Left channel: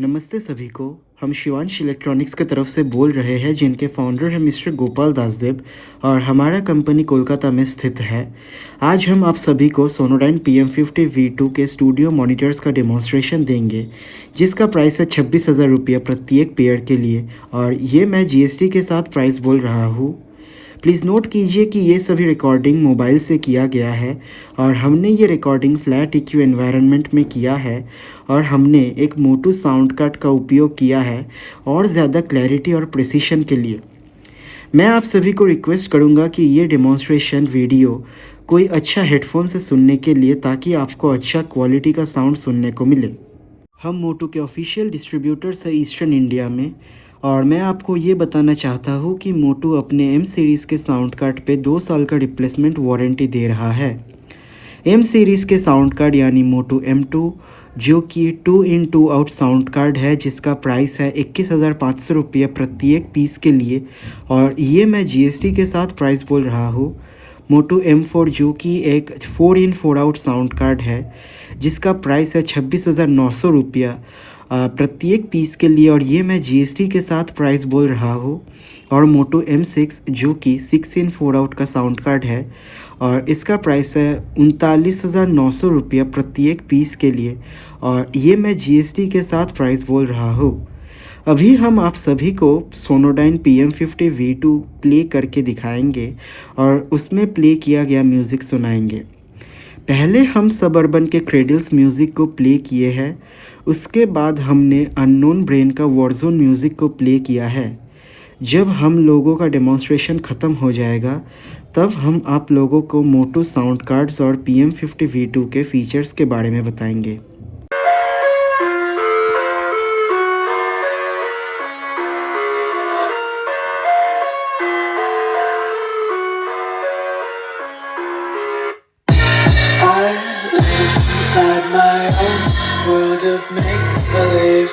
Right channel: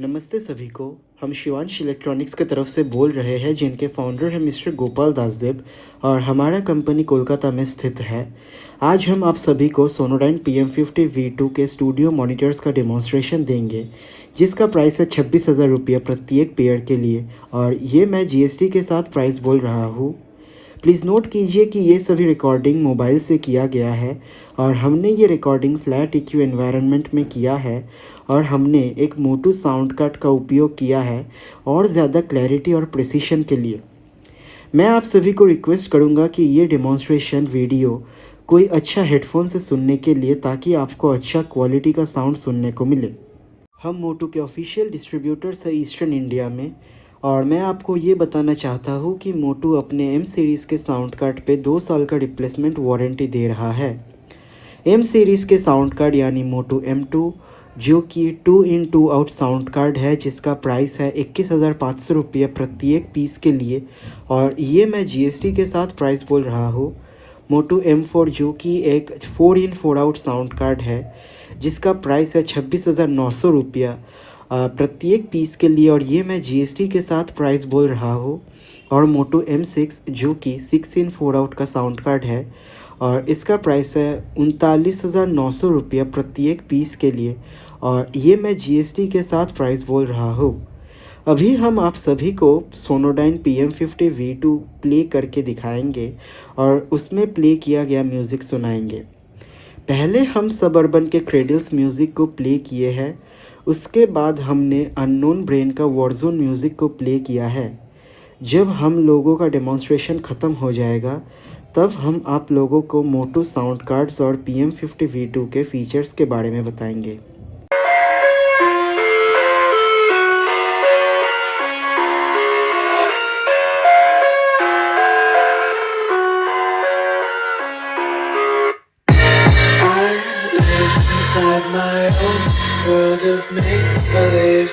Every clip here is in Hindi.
नमस्ते सभी को। हम शिवांश इलेक्ट्रॉनिक्स की तरफ से बोल रहे हैं, जिनके फाउंडर हैं मिस्टर गोपाल दासदेव, और हमारा कंपनी कोलकाता में स्थित है। आज हम आप सभी को सोनोडाइन PM50V2 के स्टूडियो मॉनिटर्स का डेमोन्स्ट्रेशन देंगे, जिसका प्राइस है 26,000 रुपये प्रत्येक पेयर के लिए, और ये मैं GST के साथ प्राइस बोल रहा हूँ। प्लीज़ नोट कीजिए कि ये सभी रिकॉर्डिंग मोबाइल से किया गया है, और हमने ये रिकॉर्डिंग फ्लैट EQ एनवायरनमेंट में किया है, और हमने एक मोटू साउंड कार्ड का उपयोग किया है और ज़्यादा क्लैरिटी और प्रिसिशन के लिए। मैं आप सभी को रिक्वेस्ट करूँगा कि ये डेमोन्स्ट्रेशन वीडियो कोई अच्छा हेडफोन से सुनने के लिए, ताकि आपको अच्छा क्वालिटी का साउंड सुनने को मिले। हम मोटू के ऑफिशियल डिस्ट्रीब्यूटर्स हैं ईस्टर्न इंडिया में, और मैं आपको ये बताना चाहता हूँ कि मोटू अपने M सीरीज़ के साउंड कार्ड पे 2 साल का रिप्लेसमेंट वारंटी दे रहा है। M सीरीज़ के साउंड कार्ड यानी मोटू M2, जो कि 2 इन 2 आउट साउंड कार्ड है, जिसका प्राइस है 21,500 रुपये प्रत्येक पीस के लिए, और ये मैं GST के साथ प्राइस बोल रहा हूँ। मोटू M4, जो कि एक 4 इन 4 आउट साउंड कार्ड है, जिसका प्राइस है 26,900 रुपया प्रत्येक पीस के लिए, और ये मैं GST के साथ प्राइस बोल रहा हूँ। और मोटो M6, जो कि 6 इन 4 आउट का साउंड कार्ड है, और इसका प्राइस है 39,900 रुपया प्रत्येक पीस के लिए, और ये मैं GST के साथ प्राइस बोल रहा हूँ। अभी हम आप सभी को सोनोडाइन PM50V2 प्ले करके दिखाएंगे, और उसमें प्ले किया गया म्यूज़िक सुनाएंगे। पहले हम सबअर्बन के क्रेडल्स म्यूज़िक को प्ले किए हैं, उसके बाद हमने अननोन ब्रेन का वॉरज़ोन म्यूज़िक को प्ले किया है। जब हम लोगों का डेमोन्स्ट्रेशन ख़त्म हो जाएगा, तब हम आप लोगों को मोटू साउंड कार्ड्स और PM50V2 के फीचर्स के बारे में बताएंगे। Inside my own world of make-believe,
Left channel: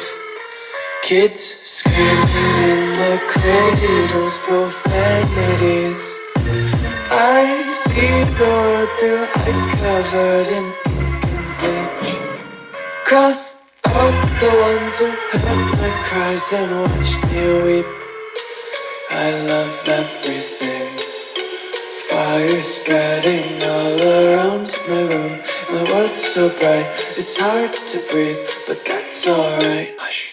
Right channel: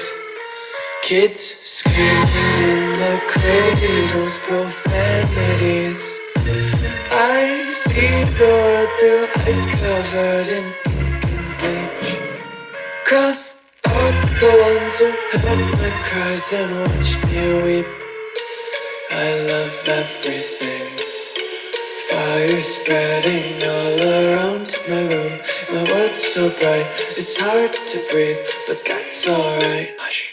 kids screaming in the cradles, profanities. I see the world through eyes covered in ink and bleach. Cross out the ones who heard my cries and watched me weep. I love everything. Fire spreading all around my room. My world's so bright, it's hard to breathe, but that's alright. Hush.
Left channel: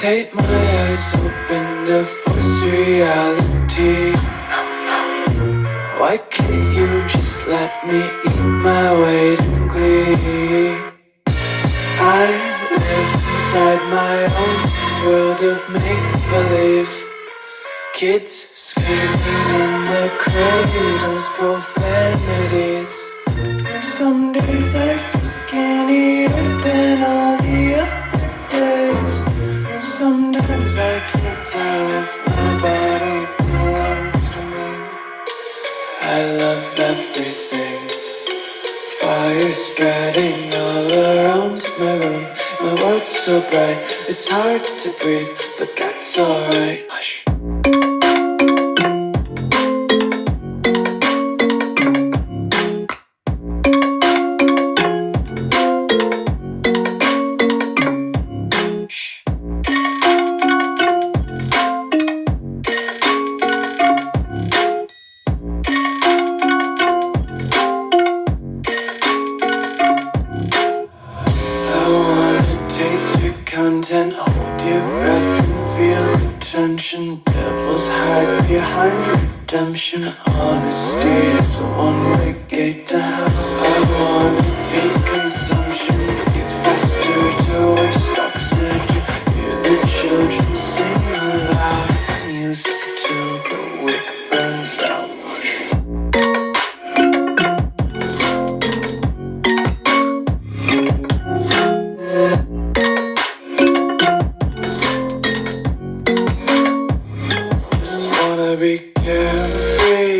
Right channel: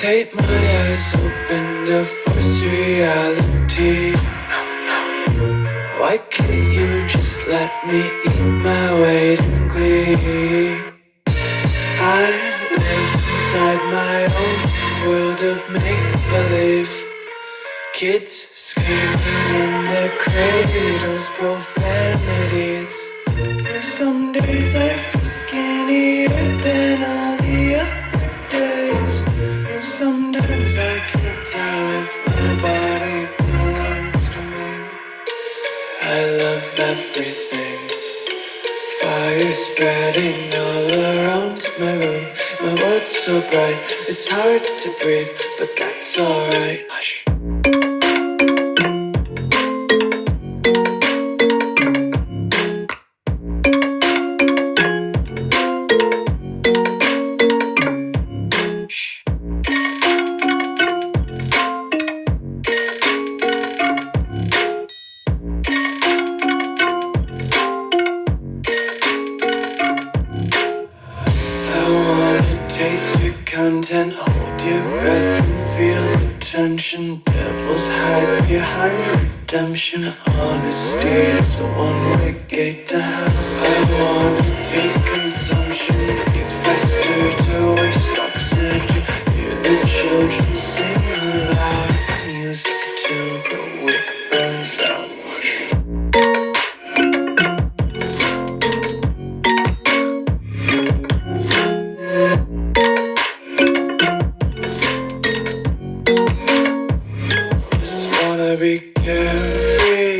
Tape my eyes open to force reality. Why can't you just let me eat my weight in glee? I live inside my own world of make-believe, kids screaming in the cradles, profanities. Some days I feel skinnier than all the other days. Sometimes I can't tell if my body belongs to me. I love everything. Fire spreading all around my room. My world's so bright, it's hard to breathe, but that's alright. Hush. Taste your content, hold your breath and feel the tension. Devils hide behind redemption. Honesty is a one-way gate to hell. I wanna taste consumption, get faster to waste oxygen. Hear the children sing aloud. It's music till the wick burns out. Be carefree.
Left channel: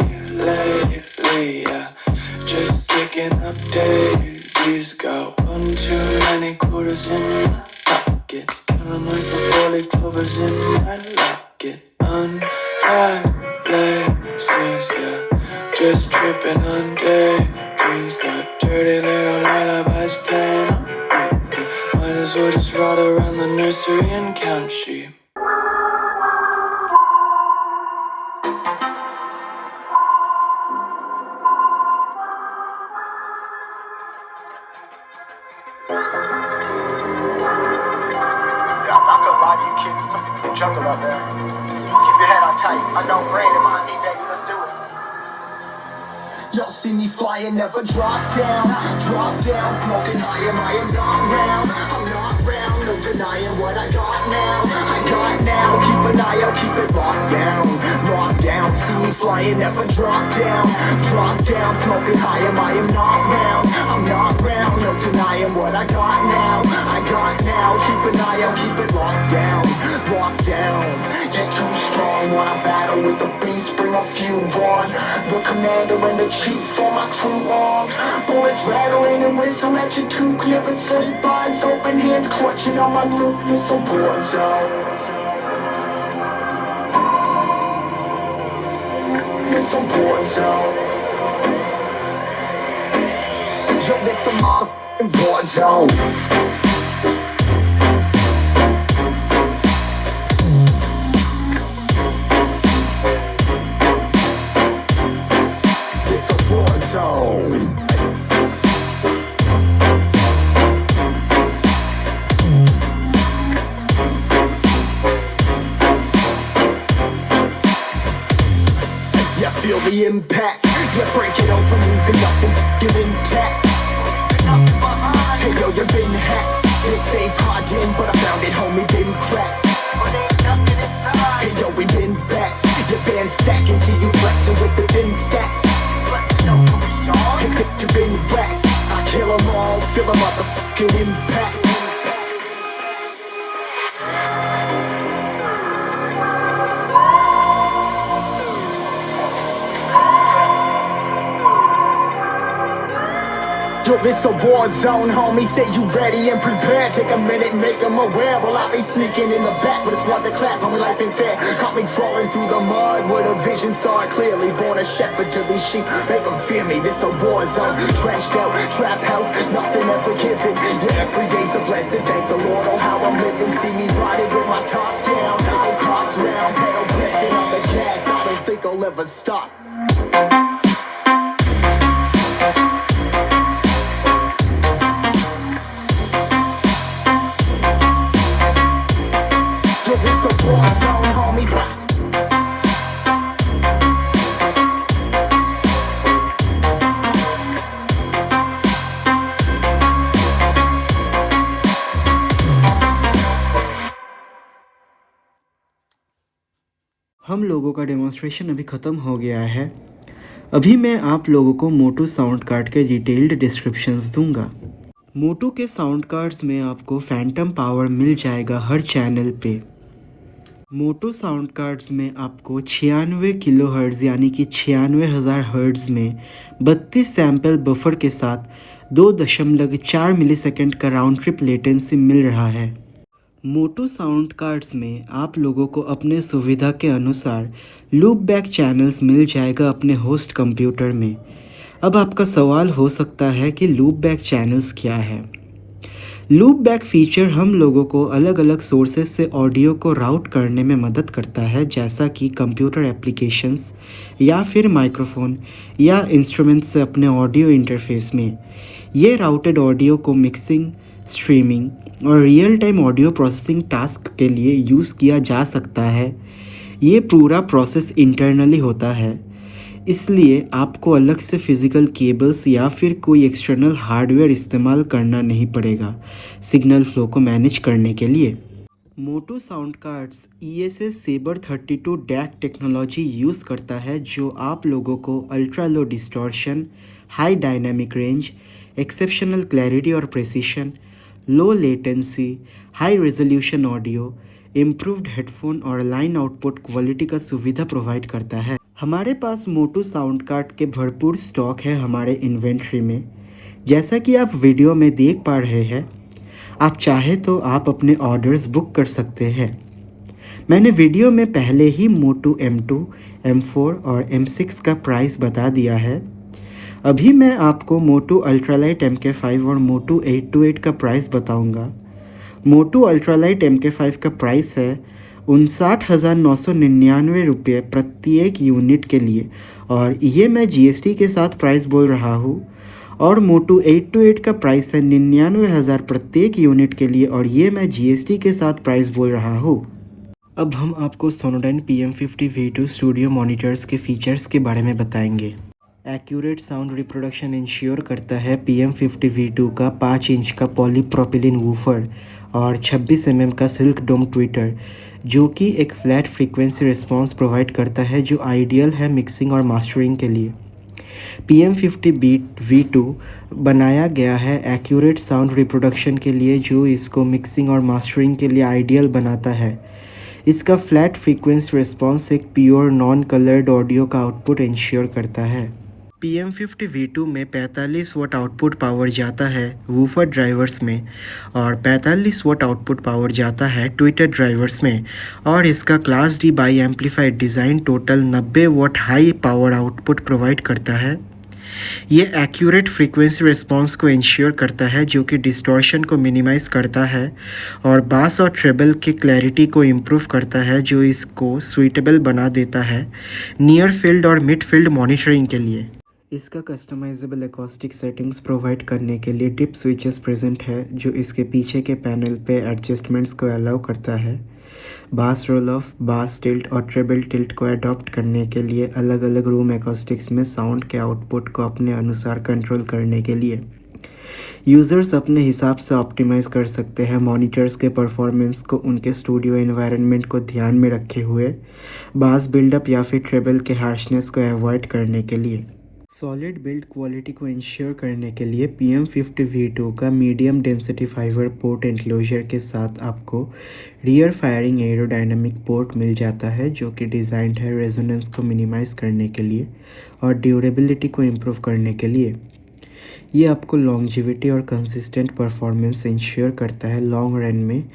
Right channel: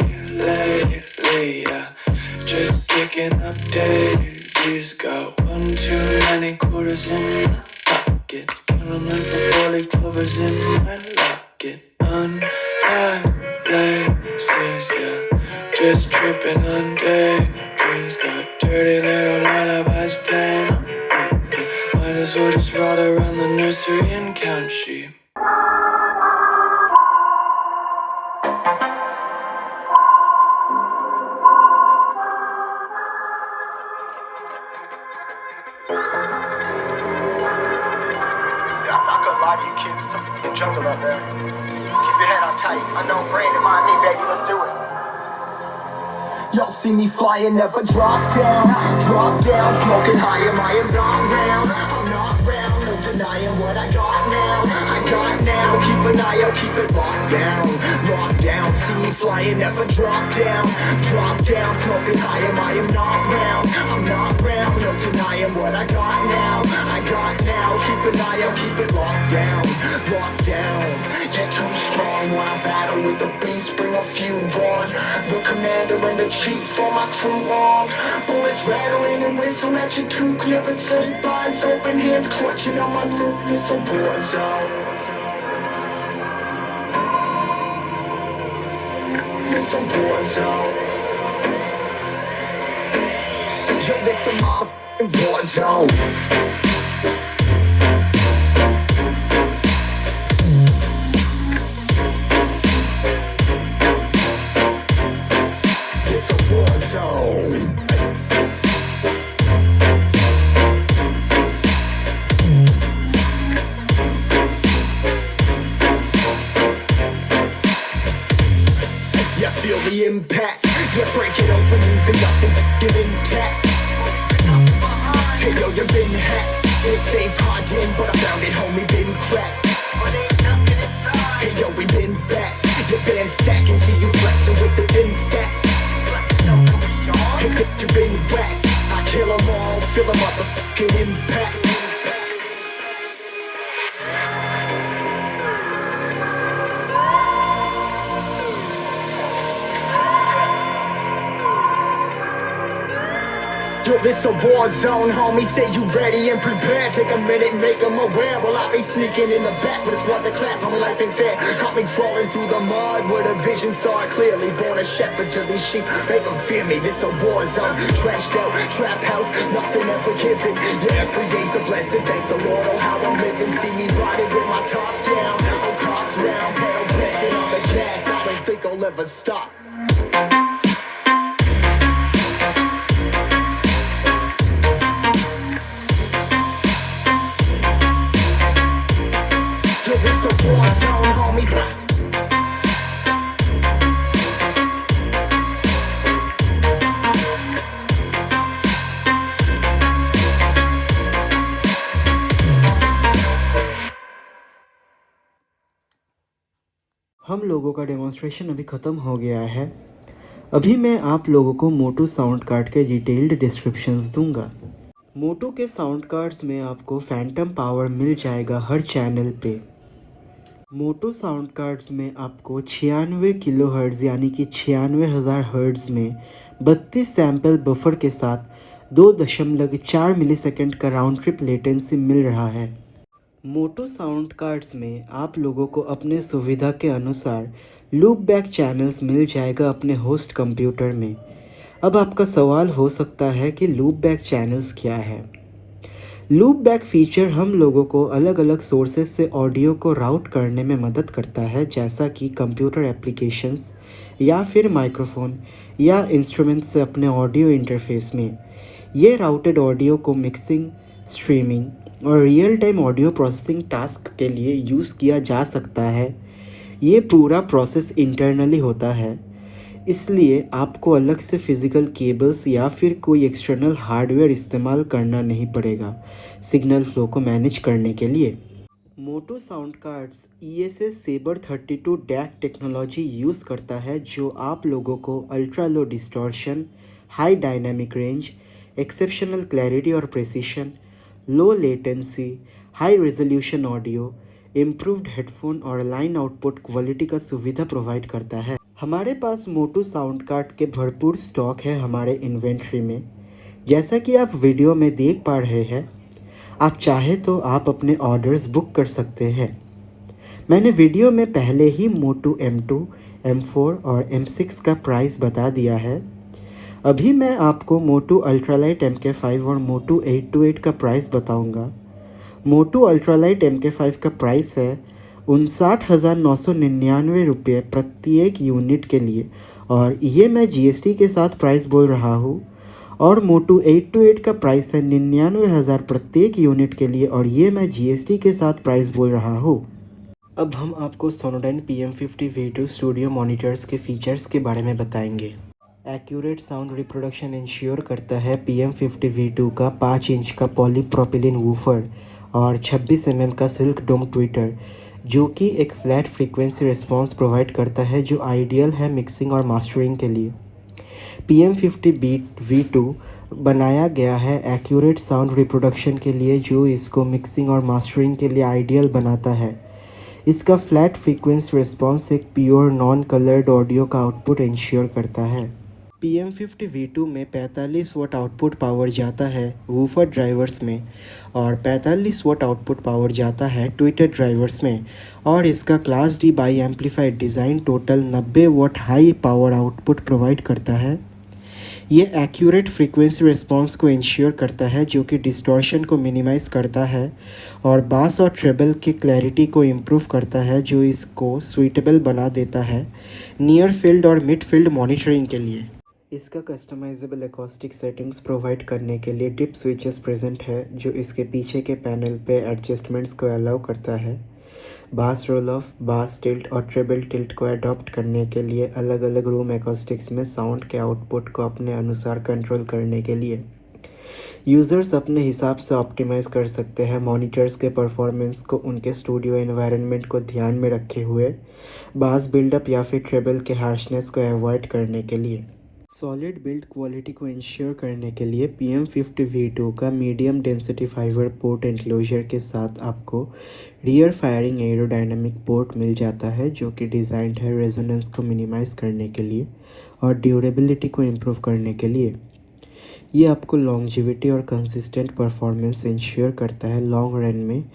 stacking up days. He's got one too many quarters in my pocket. Count 'em like the four-leaf clovers in my locket. Untied laces, yeah. Just tripping on daydreams. Got dirty little lullabies playing on repeat. Might as well just ride around the nursery and count sheep. I'm not gonna lie to you kids, it's a f***ing jungle out there. Keep your head on tight. Unknown brain and mind me, baby, let's do it. Y'all see me flying, never drop down, smoking high, I am not round, I'm not round, no denying what I got now, keep an eye out, keep it locked down, see me flying, never drop down, smoking high, I am not round, I'm not round, no denying what I got now, keep an eye out, keep it locked down, get too strong when I battle with the beast, bring a few on, the commander and the chief on my crew on, bullets rattling and whistle at your toque, never sleep, eyes open, hands clutching on my loop, it's a war zone. It's a war zone. Yo, this a motherfucking war zone. It's a war zone. Yeah, feel the impact. Yeah, break it open, leaving nothing f***ing intact. Hey yo, you been hacked. It's safe, hiding, but I found it, homie, been cracked. Hey yo, we been back. Your band stacking, see you flexing with the thin stack. Hey, bitch, you been whacked. I kill 'em all, feel a motherfucking impact. Yo, this a war zone, homie, say you ready and prepared. Take a minute, make them aware. Well, I be sneaking in the back, but it's one to clap, homie, life ain't fair. Caught me crawling through the mud where the vision saw it clearly. Born a shepherd to these sheep, make them fear me. This a war zone, trenched out, trap house, nothing ever given. Yeah, every day's a blessing, thank the Lord, oh how I'm living. See me riding with my top down, oh cops round, pedal pressing on the gas. I don't think I'll ever stop. It's a war zone, homies. हम लोगों का डेमोन्स्ट्रेशन अभी ख़त्म हो गया है। अभी मैं आप लोगों को मोटू साउंड कार्ड के डिटेल्ड डिस्क्रिप्शंस दूंगा। मोटू के साउंड कार्ड्स में आपको फैंटम पावर मिल जाएगा हर चैनल पे। मोटू साउंड कार्ड्स में आपको 96 किलो हर्ट्ज़ यानी कि 96,000 हर्ट्ज़ में 32 सैम्पल बफर के साथ 2.4 मिलीसेकंड का राउंड ट्रिप लेटेंसी मिल रहा है। मोटू साउंड कार्ड्स में आप लोगों को अपने सुविधा के अनुसार लूप बैक चैनल्स मिल जाएगा अपने होस्ट कंप्यूटर में। अब आपका सवाल हो सकता है कि लूप बैक चैनल्स क्या है। लूप बैक फीचर हम लोगों को अलग अलग सोर्सेस से ऑडियो को राउट करने में मदद करता है, जैसा कि कंप्यूटर एप्लीकेशंस या फिर माइक्रोफोन या इंस्ट्रूमेंट से अपने ऑडियो इंटरफेस में। ये राउटेड ऑडियो को मिक्सिंग, स्ट्रीमिंग और real time audio processing task के लिए यूज़ किया जा सकता है। ये पूरा प्रोसेस इंटरनली होता है, इसलिए आपको अलग से फिज़िकल केबल्स या फिर कोई एक्सटर्नल हार्डवेयर इस्तेमाल करना नहीं पड़ेगा सिग्नल फ्लो को मैनेज करने के लिए। MOTU sound cards ESS Saber 32 DAC technology use करता है, जो आप लोगों को ultra low distortion, high dynamic range, exceptional clarity और precision, low latency, high resolution audio, improved headphone और लाइन आउटपुट क्वालिटी का सुविधा प्रोवाइड करता है। हमारे पास मोटू साउंड कार्ड के भरपूर स्टॉक है हमारे इन्वेंट्री में। जैसा कि आप वीडियो में देख पा रहे हैं, आप चाहे तो आप अपने ऑर्डर्स बुक कर सकते हैं। मैंने वीडियो में पहले ही मोटू M2, M4 और M6 का प्राइस बता दिया है। अभी मैं आपको मोटू अल्ट्रालाइट MK5 और मोटू 828 का प्राइस बताऊंगा। मोटू अल्ट्रालाइट MK5 का प्राइस है 59,999 रुपये प्रत्येक यूनिट के लिए, और ये मैं GST के साथ प्राइस बोल रहा हूँ। और मोटू 828 का प्राइस है 99,000 प्रत्येक यूनिट के लिए, और ये मैं GST के साथ प्राइस बोल रहा हूँ। अब हम आपको Sonodyne PM50 V2 studio monitors के फीचर्स के बारे में बताएंगे। एक्यूरेट साउंड रिप्रोडक्शन इंश्योर करता है PM50 V2 का 5 इंच का पॉलीप्रोपिलीन वूफर और 26 mm का सिल्क डोम ट्विटर, जो कि एक फ्लैट फ्रीक्वेंसी रिस्पॉन्स प्रोवाइड करता है, जो आइडियल है मिक्सिंग और मास्टरिंग के लिए। PM50 V2 बनाया गया है एक्यूरेट साउंड रिप्रोडक्शन के लिए, जो इसको मिक्सिंग और मास्टरिंग के लिए आइडियल बनाता है। इसका फ्लैट फ्रीक्वेंसी रिस्पॉन्स एक प्योर नॉन कलर्ड ऑडियो का आउटपुट इंश्योर करता है। PM50 V2 में 45 वाट आउटपुट पावर जाता है वूफर ड्राइवर्स में, और 45 वाट आउटपुट पावर जाता है ट्विटर ड्राइवर्स में, और इसका class D bi amplified design total 90 watt high power output provide करता है। ये एक्यूरेट फ्रीक्वेंसी रिस्पॉन्स को इंश्योर करता है, जो कि डिस्टॉर्शन को मिनिमाइज़ करता है, और बास और ट्रेबल की क्लैरिटी को इम्प्रूव करता है, जो इसको सुइटेबल बना देता है नियर फील्ड और मिड फील्ड मॉनिटरिंग के लिए। इसका कस्टमाइजेबल एकॉस्टिक सेटिंग्स प्रोवाइड करने के लिए टिप स्विचेस प्रेजेंट है, जो इसके पीछे के पैनल पे एडजस्टमेंट्स को अलाउ करता है। बास रोल ऑफ, बास टिल्ट और ट्रेबल टिल्ट को अडॉप्ट करने के लिए अलग अलग रूम एकॉस्टिक्स में साउंड के आउटपुट को अपने अनुसार कंट्रोल करने के लिए यूज़र्स अपने हिसाब से ऑप्टिमाइज कर सकते हैं मॉनिटर्स के परफॉर्मेंस को उनके स्टूडियो एनवायरनमेंट को ध्यान में रखे हुए, बास बिल्डअप या फिर ट्रेबल के हार्शनेस को अवॉइड करने के लिए। सॉलिड बिल्ड क्वालिटी को इंश्योर करने के लिए PM50 V2 का medium density fibre port enclosure के साथ आपको रियर फायरिंग एरोडायनामिक पोर्ट मिल जाता है, जो कि डिज़ाइंड है रेजोनेंस को मिनिमाइज़ करने के लिए और ड्यूरेबिलिटी को इम्प्रूव करने के लिए। ये आपको लॉन्जिविटी और कंसिस्टेंट परफॉर्मेंस इंश्योर करता है लॉन्ग रन में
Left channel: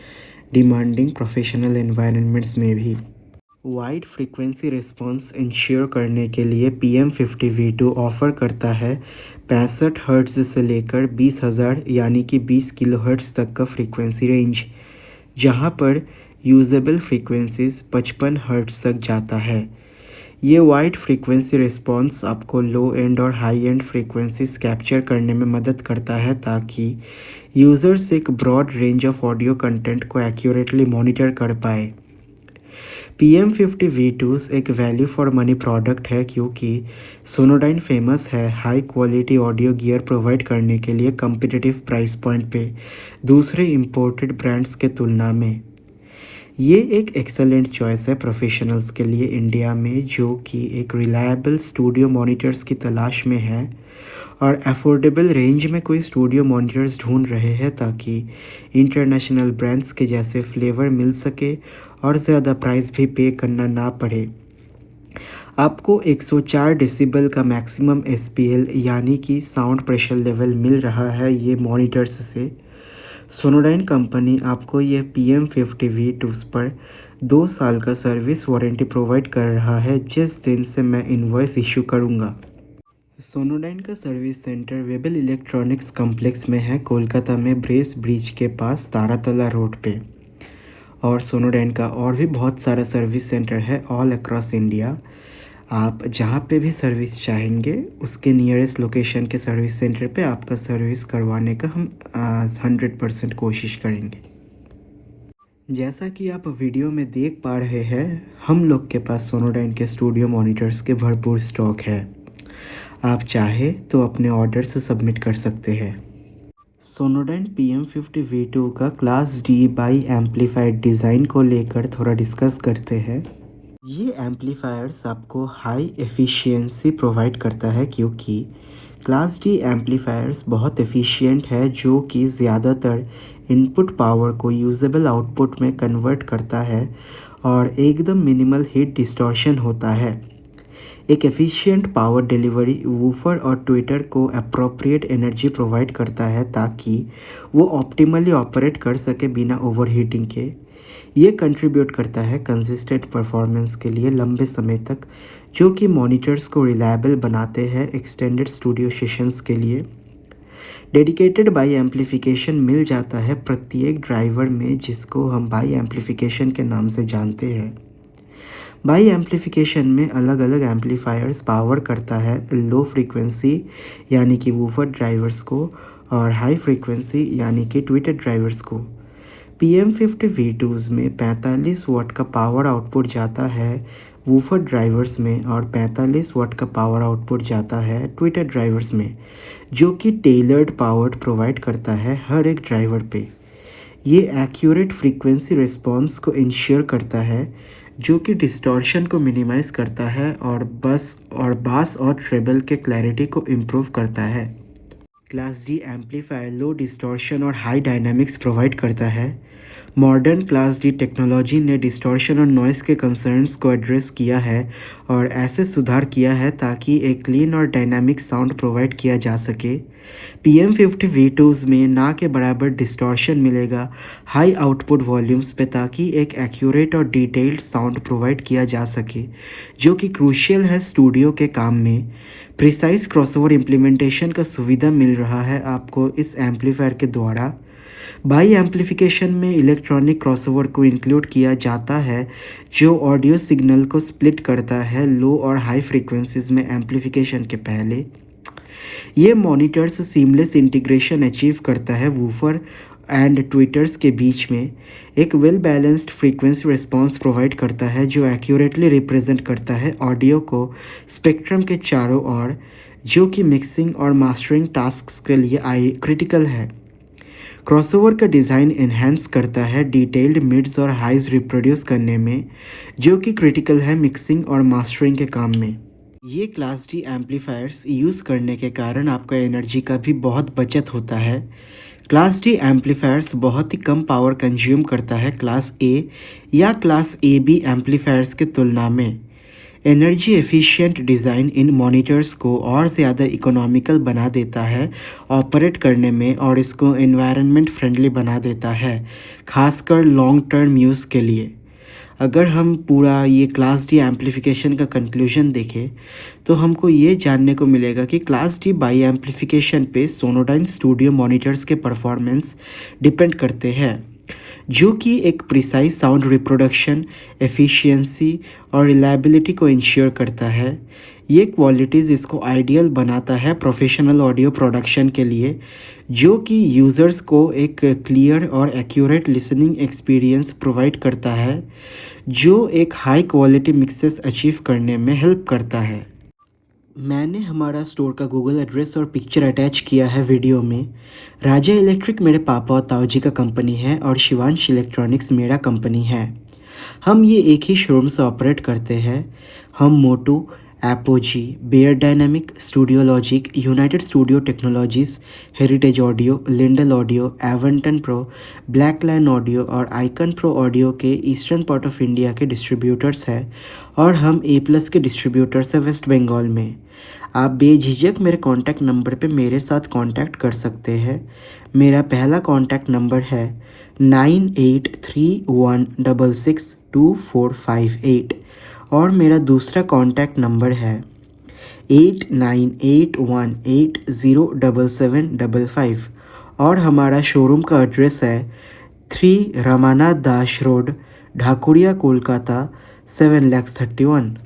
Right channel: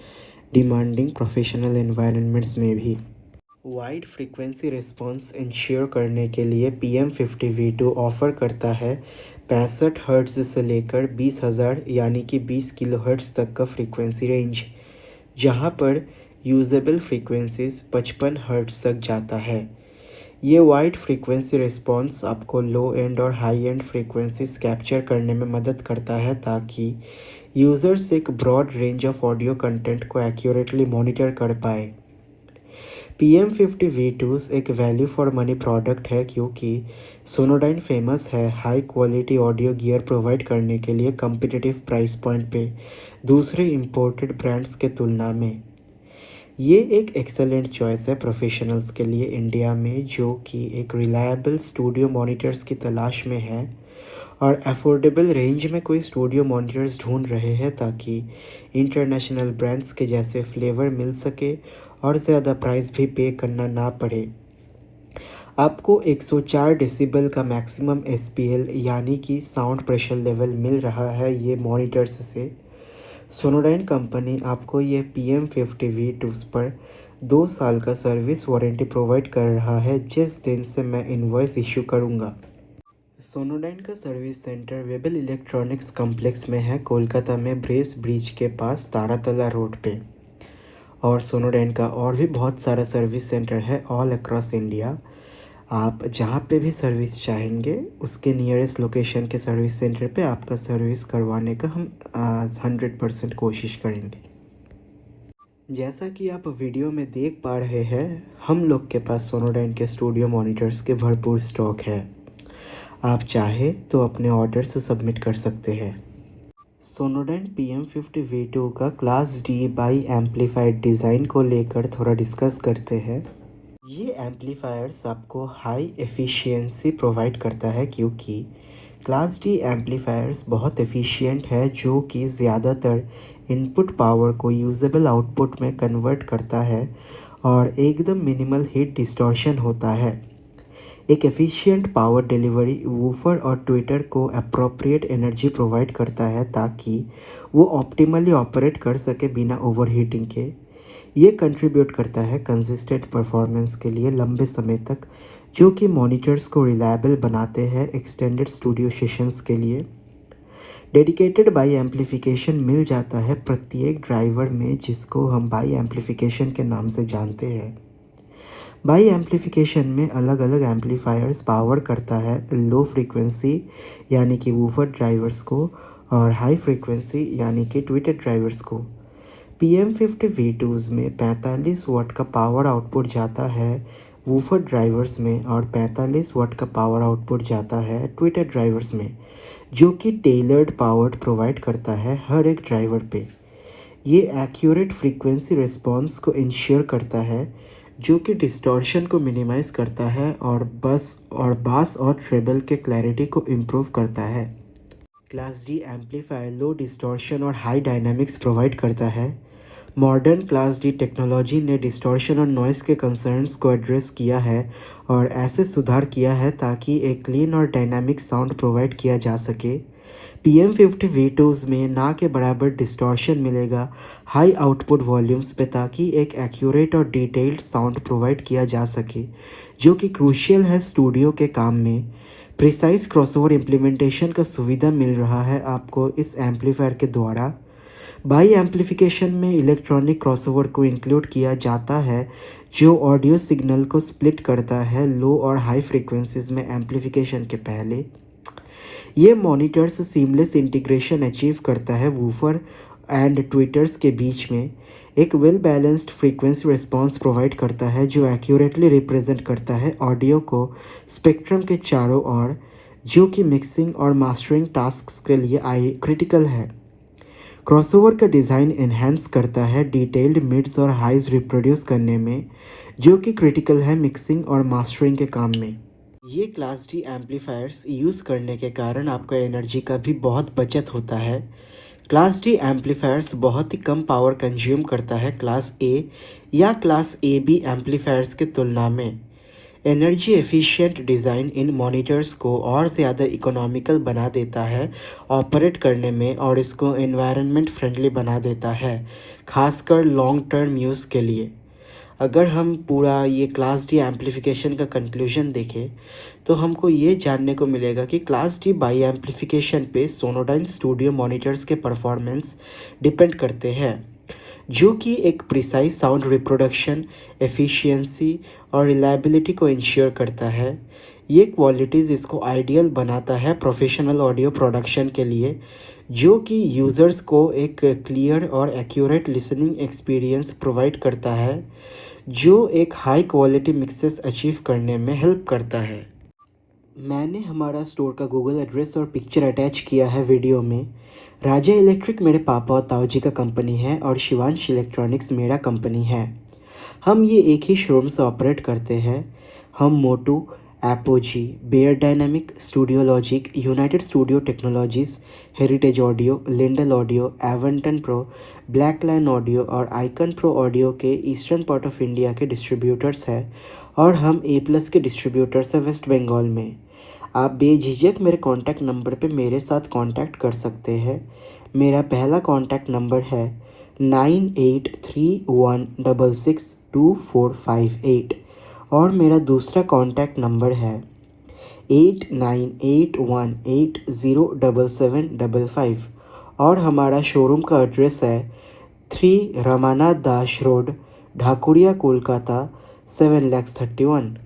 डिमांडिंग प्रोफेशनल एनवायरनमेंट्स में भी। वाइड फ्रीक्वेंसी रिस्पॉन्स इंश्योर करने के लिए PM50 V2 ऑफ़र करता है 65 हर्ट्ज़ से लेकर 20,000 यानी कि 20 किलोहर्ट्ज़ तक का फ्रीक्वेंसी रेंज, जहां पर यूजेबल फ्रीक्वेंसीज 55 हर्ट्ज़ तक जाता है। ये वाइड फ्रीक्वेंसी रिस्पॉन्स आपको लो एंड और हाई एंड फ्रीक्वेंसीज कैप्चर करने में मदद करता है, ताकि यूज़र्स एक broad range of audio content को एक्यूरेटली मॉनिटर कर पाए। PM50 V2 एक वैल्यू फॉर मनी प्रोडक्ट है, क्योंकि सोनोडाइन फेमस है high quality audio gear provide करने के लिए कम्पिटिटिव प्राइस पॉइंट पे दूसरे इम्पोर्टेड ब्रांड्स के तुलना में। ये एक एक्सेलेंट चॉइस है प्रोफेशनल्स के लिए इंडिया में, जो कि एक रिलायबल स्टूडियो मॉनिटर्स की तलाश में है और अफोर्डेबल रेंज में कोई स्टूडियो मॉनिटर्स ढूंढ रहे हैं, ताकि इंटरनेशनल ब्रांड्स के जैसे फ्लेवर मिल सके और ज़्यादा प्राइस भी पे करना ना पड़े। आपको 104 डेसिबल का मैक्सिमम SPL यानी कि साउंड प्रेशर लेवल मिल रहा है ये मॉनिटर्स से। सोनोडाइन कंपनी आपको ये PM50 V2 पर 2 साल का सर्विस वारंटी प्रोवाइड कर रहा है, जिस दिन से मैं इनवॉइस इशू करूँगा। सोनोडाइन का सर्विस सेंटर वेबल इलेक्ट्रॉनिक्स कॉम्प्लेक्स में है, कोलकाता में ब्रेस ब्रिज के पास तारातला रोड पे। और सोनोडाइन का और भी बहुत सारा सर्विस सेंटर है ऑल अक्रॉस इंडिया। आप जहाँ पे भी सर्विस चाहेंगे उसके नियरेस्ट लोकेशन के सर्विस सेंटर पे आपका सर्विस करवाने का हम 100% कोशिश करेंगे। जैसा कि आप वीडियो में देख पा रहे हैं, हम लोग के पास सोनोडाइन के स्टूडियो मॉनिटर्स के भरपूर स्टॉक है। आप चाहे तो अपने ऑर्डर से सबमिट कर सकते हैं। सोनोडाइन PM50 V2 का class D bi amplified design को लेकर थोड़ा डिस्कस करते हैं। ये एम्पलीफायर्स आपको हाई एफिशिएंसी प्रोवाइड करता है, क्योंकि क्लास D एम्पलीफायर्स बहुत एफिशिएंट है, जो कि ज़्यादातर इनपुट पावर को यूजेबल आउटपुट में कन्वर्ट करता है और एकदम मिनिमल हीट डिस्टॉर्शन होता है। एक एफिशिएंट पावर डिलीवरी वूफर और ट्विटर को अप्रोप्रिएट एनर्जी प्रोवाइड करता है ताकि वो ऑप्टिमली ऑपरेट कर सके बिना ओवरहीटिंग के। ये कंट्रीब्यूट करता है कंसिस्टेंट परफॉर्मेंस के लिए लंबे समय तक, जो कि मॉनिटर्स को रिलायबल बनाते हैं एक्सटेंडेड स्टूडियो सेशंस के लिए। डेडिकेटेड बाई एम्प्लीफिकेशन मिल जाता है प्रत्येक ड्राइवर में, जिसको हम बाई एम्प्लीफिकेशन के नाम से जानते हैं। बाई एम्प्लीफिकेशन में अलग अलग एम्पलीफायर्स पावर करता है लो फ्रीक्वेंसी यानी कि वूफर ड्राइवर्स को और हाई फ्रीक्वेंसी यानी कि ट्विटर ड्राइवर्स को। PM50 V2s में 45 वाट का पावर आउटपुट जाता है वूफर ड्राइवर्स में और 45 वाट का पावर आउटपुट जाता है ट्विटर ड्राइवर्स में, जो कि टेलर्ड पावर प्रोवाइड करता है हर एक ड्राइवर पे। ये एक्यूरेट फ्रीक्वेंसी रिस्पॉन्स को इंश्योर करता है, जो कि डिस्टॉर्शन को मिनिमाइज करता है और बास और ट्रेबल के क्लैरिटी को इम्प्रूव करता है। क्लास डी एम्पलीफायर लो डिस्टॉर्शन और हाई डायनामिक्स प्रोवाइड करता है। मॉडर्न क्लास डी टेक्नोलॉजी ने डिस्टॉर्शन और नॉइस के कंसर्न्स को एड्रेस किया है और ऐसे सुधार किया है ताकि एक क्लीन और डायनामिक साउंड प्रोवाइड किया जा सके। PM50 V2s में ना के बराबर डिस्टॉर्शन मिलेगा हाई आउटपुट वॉल्यूम्स पे ताकि एक एक्यूरेट और डिटेल्ड साउंड प्रोवाइड किया जा सके, जो कि क्रूशियल है स्टूडियो के काम में। प्रिसाइज क्रॉसओवर इम्प्लीमेंटेशन का सुविधा मिल रहा है आपको इस एम्पलीफायर के द्वारा। बाई एम्प्लीफिकेशन में इलेक्ट्रॉनिक क्रॉसओवर को इंक्लूड किया जाता है, जो ऑडियो सिग्नल को स्प्लिट करता है लो और हाई फ्रीक्वेंसीज में एम्प्लीफिकेशन के पहले। ये मॉनिटर्स सीमलेस इंटीग्रेशन अचीव करता है वूफर एंड ट्विटर्स के बीच में। एक well balanced frequency response provide करता है जो एक्यूरेटली रिप्रेजेंट करता है ऑडियो को स्पेक्ट्रम के चारों ओर, जो कि मिक्सिंग और मास्टरिंग टास्क्स के लिए क्रिटिकल है। क्रॉसओवर का डिज़ाइन एनहेंस करता है डिटेल्ड मिड्स और हाइज रिप्रोड्यूस करने में, जो कि क्रिटिकल है मिक्सिंग और मास्टरिंग के काम में। ये क्लास डी एम्पलीफायर्स यूज़ करने के कारण आपका एनर्जी का भी बहुत बचत होता है। क्लास डी एम्पलीफायर्स बहुत ही कम पावर कंज्यूम करता है क्लास ए या क्लास ए बी एम्पलीफायर्स की तुलना में। Energy efficient design in monitors को और ज़्यादा इकोनॉमिकल बना देता है ऑपरेट करने में और इसको एनवायरनमेंट फ्रेंडली बना देता है, खासकर लॉन्ग टर्म यूज़ के लिए। अगर हम पूरा ये क्लास डी एम्पलीफिकेशन का कंक्लूजन देखें तो हमको ये जानने को मिलेगा कि क्लास डी बाई एम्पलीफिकेशन पे सोनोडाइन स्टूडियो मॉनिटर्स के परफॉर्मेंस डिपेंड करते हैं, जो कि एक प्रिसाइज साउंड रिप्रोडक्शन, एफिशिएंसी और रिलायबिलिटी को इंश्योर करता है। ये क्वालिटीज़ इसको आइडियल बनाता है प्रोफेशनल ऑडियो प्रोडक्शन के लिए, जो कि यूज़र्स को एक क्लियर और एक्यूरेट लिसनिंग एक्सपीरियंस प्रोवाइड करता है, जो एक हाई क्वालिटी मिक्सेस अचीव करने में हेल्प करता है। मैंने हमारा स्टोर का गूगल एड्रेस और पिक्चर अटैच किया है वीडियो में। राजा इलेक्ट्रिक मेरे पापा और ताऊ जी का कंपनी है और शिवांश इलेक्ट्रॉनिक्स मेरा कंपनी है। हम ये एक ही शोरूम से ऑपरेट करते हैं। हम MOTU, Apogee, Beyerdynamic, Studio Logic, United Studio Technologies, Heritage Audio, Lindell Audio, Avantone Pro, Black Lion Audio और आइकन प्रो ऑडियो के ईस्टर्न पार्ट ऑफ इंडिया के डिस्ट्रीब्यूटर्स हैं और हम A+ के डिस्ट्रीब्यूटर्स हैं वेस्ट बंगाल में। आप बेझिझक मेरे कॉन्टैक्ट नंबर पे मेरे साथ कॉन्टैक्ट कर सकते हैं। मेरा पहला कॉन्टैक्ट नंबर है 9831662458 और मेरा दूसरा कॉन्टैक्ट नंबर है 8981807755 और हमारा शोरूम का एड्रेस है 3 रमानाथ दास रोड, ढाकुरिया, कोलकाता 7,31,000।